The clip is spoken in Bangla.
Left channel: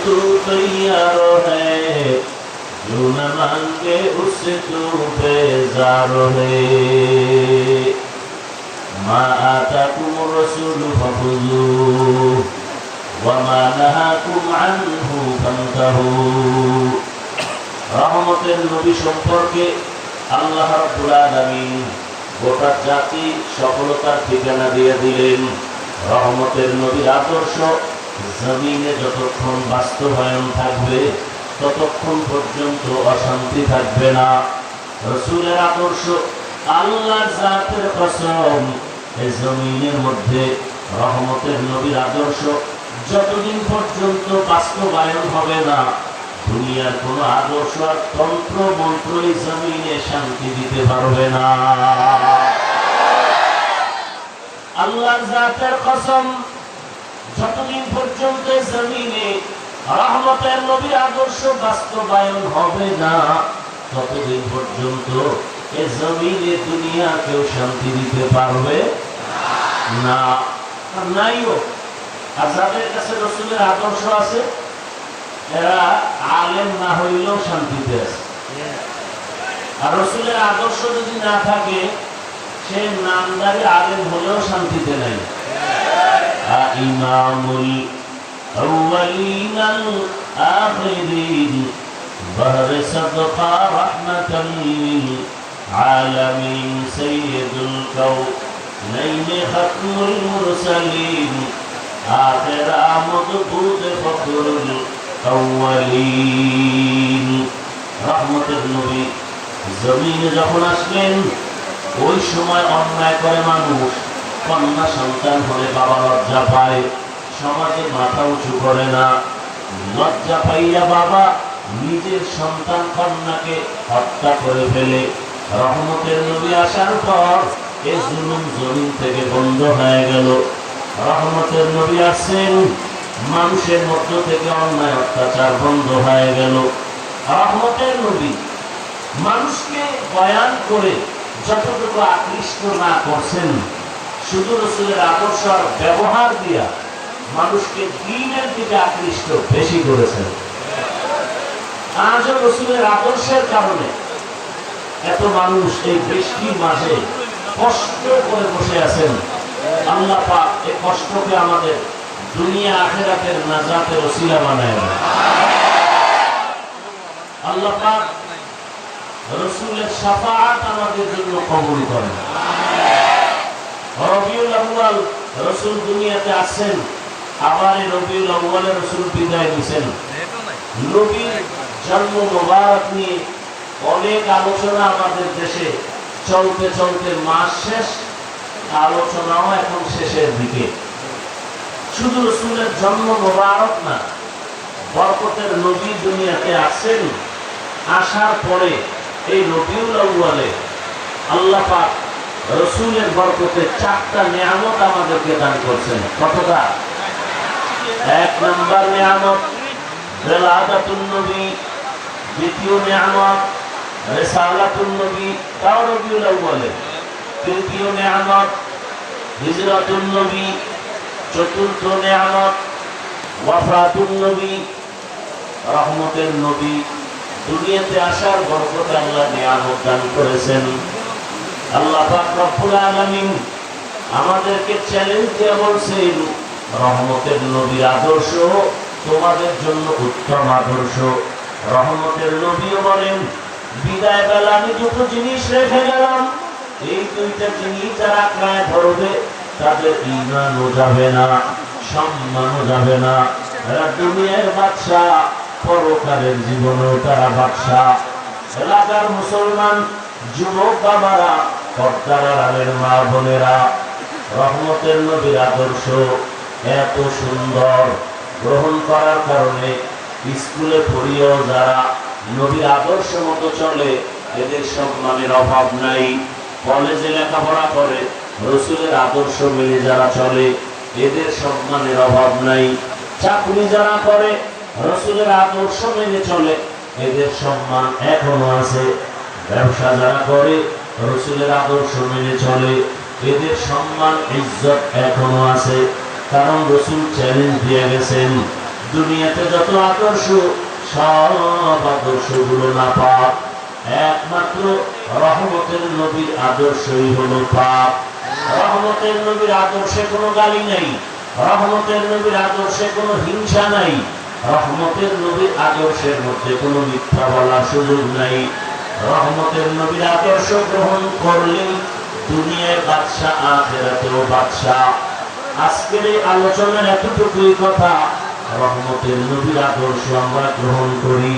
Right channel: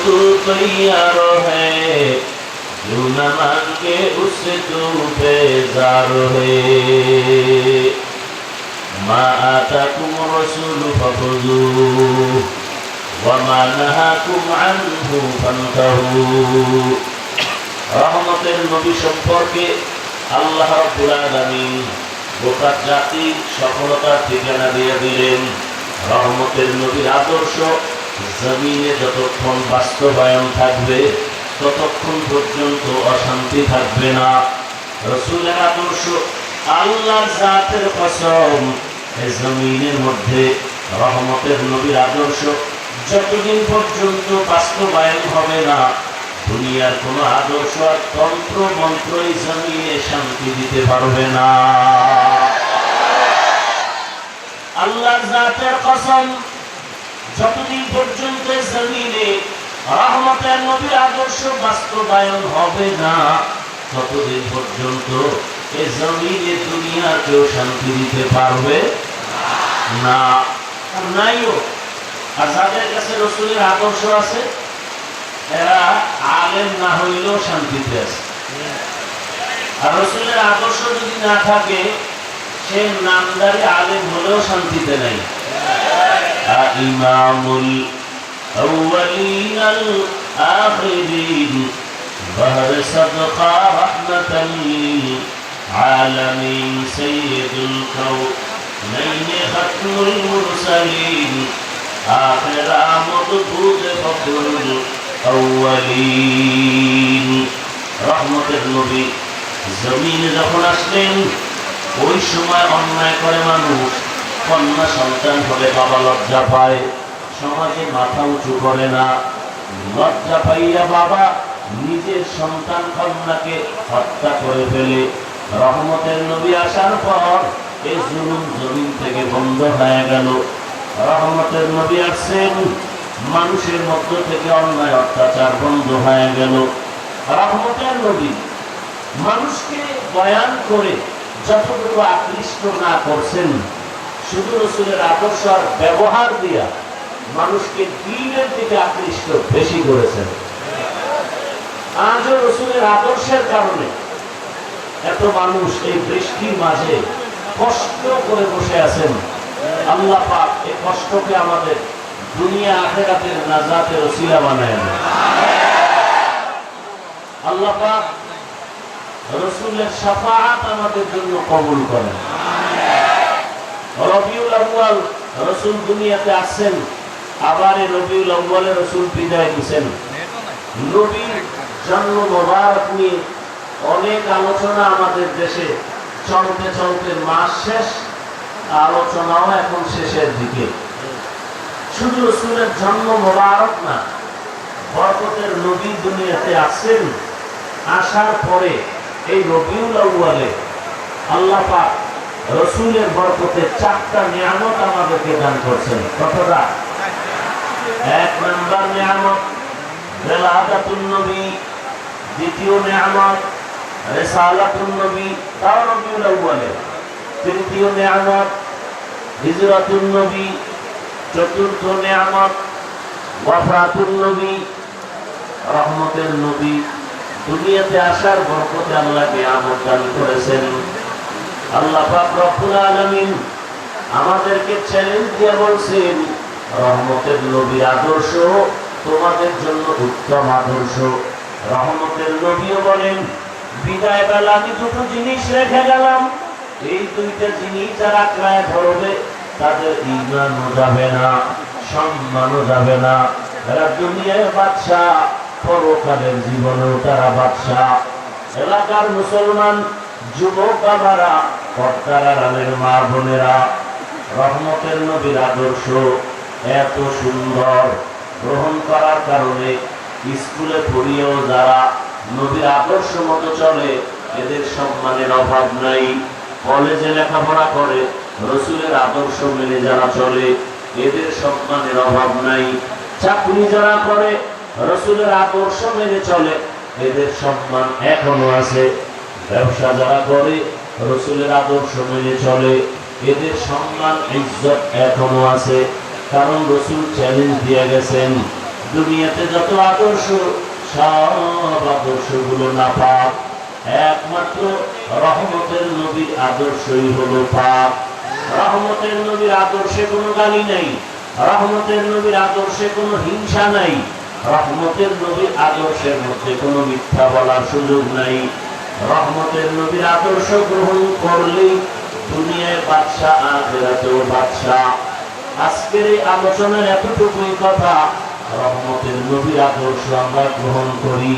तू तैयार है जो न मांगे उससे तू बेजार है ما آتاكم الرسول فخذوه وما نهاكم عنه فانتهوا রহমতের নবী সম্পর্কে আল্লাহ রাব্বুল আলামিন গোটা জাতি সফলতার ঠিকানা দিয়ে দিলেন রহমতের নবীর আদর্শ জমিনে যতক্ষণ বাস্তবায়ন থাকবে, ততক্ষণ পর্যন্ত অশান্তি থাকবে না। রসুলের আদর্শ আল্লাহ জাতের কসম, এ জমিনের মধ্যে রহমতের নবীর আদর্শ যতদিন পর্যন্ত বাস্তবায়ন হবে না, দুনিয়ার কোন আদর্শ তন্ত্র মন্ত্র এই জমিনে শান্তি দিতে পারবে না। আল্লাহ জাতের কসম পর্যন্ত জমিনে রহমতের নবীর আদর্শ বাস্তবায়ন হবে না। ততদিন পর্যন্ত এ জমিনে দুনিয়া কেউ শান্তি দিতে পারবে না। নাইও আর যাদের কাছে রসুলের আদর্শ আছে। এরা আলেম না হইলেও শান্তিতে আছে। আর রসুলের আদর্শ যদি না থাকে, সে নামদারে আলেম হলেও শান্তিতে নাই। ইমামুল أولين الآخرين ظهر صدقا رحمة للعالمين سيد الكونين ختم المرسلين آخر مضبوط فخر الأولين رحمة النبي জমিনে যখন আসলেন ওই সময় অন্যায় করে মানুষ কন্যা সন্তান হলে বাবা লজ্জা পায় সমাজে মাথা উঁচু করে না। লজ্জা পাইয়া বাবা নিজের সন্তান কন্যাকে হত্যা করে ফেলে। রহমতের নবী আসার পর এই জুলুম জমিন থেকে বন্ধ হয়ে গেল। রহমতের নবী আসছেন, মানুষের মধ্য থেকে অন্যায় অত্যাচার বন্ধ হয়ে গেল। রহমতের নবী মানুষকে বয়ান করে যতটুকু আকৃষ্ট না করছেন, শুধু রসুলের আকর্ষণ ব্যবহার দিয়া মানুষকে দিনের দিকে আকৃষ্ট বেশি করেছেন। আদর্শের কারণে এত মানুষ এই বৃষ্টির মাঝে কষ্ট করে বসে আছেন। আল্লাহ পাক এই কষ্টকে আমাদের দুনিয়া আখেরাতের নাজাতের ওসিলা বানায় আল্লাহ পাক রসুলের সাফাআত আমাদের জন্য কবুল করেন। রবিউল আউয়াল রসুল দুনিয়াতে আসছেন। আবার এই রবিউল রসুল বিদায় দিয়েছেন নবীর জন্ম মোবারক নিয়ে অনেক আলোচনা আমাদের দেশে চলতে চলতে মাস শেষ, আলোচনাও এখন শেষের দিকে। শুধু রসুলের জন্ম মোবারক না, বরকতের নবী দুনিয়াতে আসেন আসার পরে এই রবিউল আউয়ালে আল্লাহ পাক রসুলের বরকতে চারটা নিয়ামত আমাদেরকে দান করছেন। কতটা নম্বর নিয়ামত। বেলাদাতুন নবী, দ্বিতীয় নিয়ামত, রেসালাতুন নবী, তাও রবিউল আউয়ালে। তৃতীয় নিয়ামত, হিজরাতুন নবী, চতুর্থ নিয়ামত, ওয়াফাতুন নবী, রহমতের নবী। দুনিয়াতে আসার বরকতে আল্লাহ নিয়ামত দান করেছেন। আল্লাহ পাক রব্বুল আলামিন আমাদেরকে চ্যালেঞ্জ দিয়ে বলছেন রহমতের নবীর আদর্শ, তোমাদের জন্য উত্তম আদর্শ। রহমতের নবীও বলেন, বিদায় বেলা, আমি দুটো জিনিস রেখে গেলাম। এই দুইটা জিনিস যারা ক্রায় ধরবে তাদের ইমানও যাবে না, সম্মানও যাবে না। এরা দুনিয়ায় বাদশাহ, পরকালের জীবনেও তারা বাদশাহ। এলাকার মুসলমান, যুবক বাবারা, কর্তারা মা বোনেরা, রহমতের নবীর আদর্শ। এত সুন্দর গ্রহণ করার কারণে স্কুলে পড়িয়েও যারা নবীর আদর্শ মতো চলে, এদের সম্মানের অভাব নাই। কলেজে লেখাপড়া করে, রসুলের আদর্শ মেনে যারা চলে, এদের সম্মানের অভাব নাই। চাকরি যারা করে, রসুলের আদর্শ মেনে চলে, এদের সম্মান এখনও আছে। ব্যবসা যারা করে, রসুলের আদর্শ মেনে চলে, এদের সম্মান, ইজ্জত এখনও আছে। কারণ রসুল চ্যালেঞ্জ দিয়ে গেছেন। দুনিয়াতে যত আদর্শ, সব আদর্শগুলো না পাপ একমাত্র রহমতের নবীর আদর্শই হলো পাপ রহমতের নবীর আদর্শে কোনো গালি নাই। রহমতের নবীর আদর্শে কোনো হিংসা নাই। রহমতের নবীর আদর্শের মধ্যে কোনো মিথ্যা বলার সুযোগ নাই। রহমতের নবীর আদর্শ গ্রহণ করলেই দুনিয়ায় বাদশাহ, আখেরাতেও বাদশাহ। আজকের এই আলোচনার এতটুকুই কথা। রহমতের নবীর আদর্শ আমরা গ্রহণ করি।